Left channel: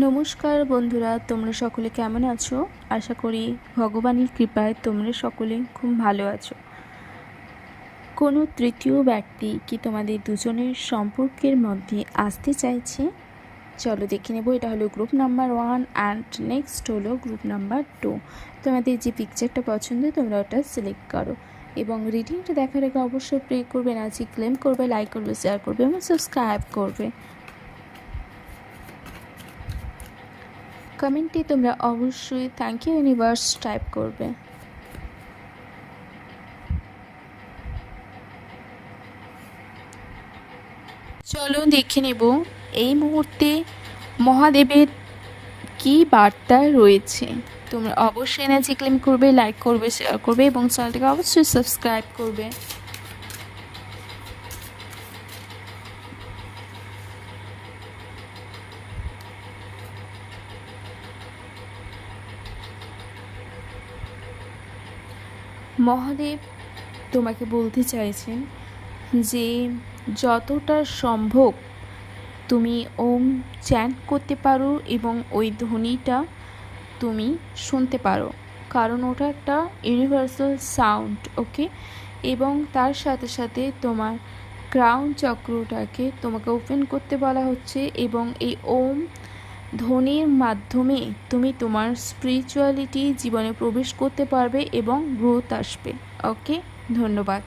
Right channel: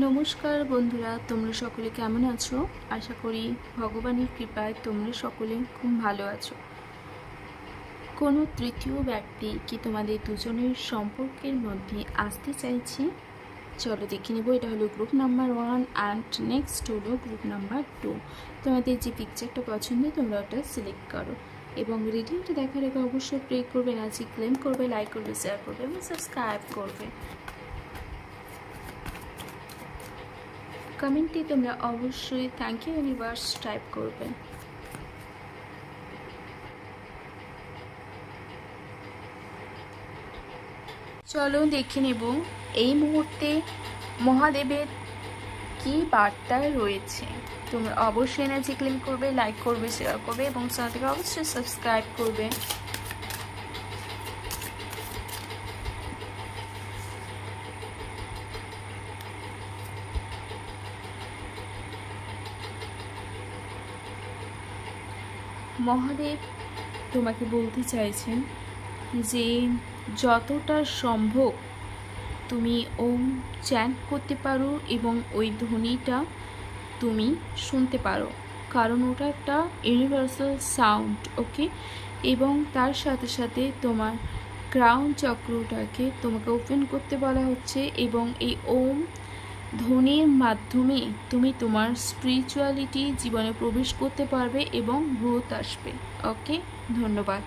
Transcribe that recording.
নমস্কার বন্ধুরা, তোমরা সকলে কেমন আছো? আশা করি ভগবানের কৃপায় তোমরা সকলে খুব ভালো আছো। কোনো তৃতীয় ব্যক্তি কি তোমাদের দুজনের সম্পর্কের মধ্যে আসতে চাইছে? চলো দেখে নেব। এটা হলো গ্রুপ নাম্বার 1 অ্যান্ড নেক্সট হলো গ্রুপ নাম্বার 2। তোমাদের যে পিকচারটা পছন্দ তোমরা ওটা সিলেক্ট করো এবং রিডিংটা দেখার আগে অবশ্যই প্রে করবে, এনার্জি ক্লেম করবে, লাইক করবে, শেয়ার করবে এবং সাবস্ক্রাইব করবে। কমেন্টে তোমরা অবশ্যই থ্যাংক ইউ ইউনিভার্স টাইপ করবে। চলো দেখে নেব এই মুহূর্তে মহাদেবের কি বার্তা রয়েছে। তোমরা অবশ্যই এনার্জি ক্লেম করবে, লাইক করবে, শেয়ার করবে এবং চ্যানেলটাকে অবশ্যই সাবস্ক্রাইব করবে। মহাদেব তোমাকে বলতে চাইছেন যে যতটা সম্ভব তুমি ওম চ্যান্ট করতে পারো এবং ওই ধ্বনিটা তুমি শুনতে পারো, কারণ ওটা একটা ইউনিভার্সাল সাউন্ড, ওকে। এবং তার সাথে সাথে তোমার ক্রাউন চক্রটাকে তোমাকে ওপেন করতে বলা হচ্ছে এবং এই ওম ধ্বনির মাধ্যমে তুমি তোমার স্পিরিচুয়ালিটি জীবনে প্রবেশ করতে পারবে এবং গ্রোথ আসবে। ওকে, ধন্যবাদ।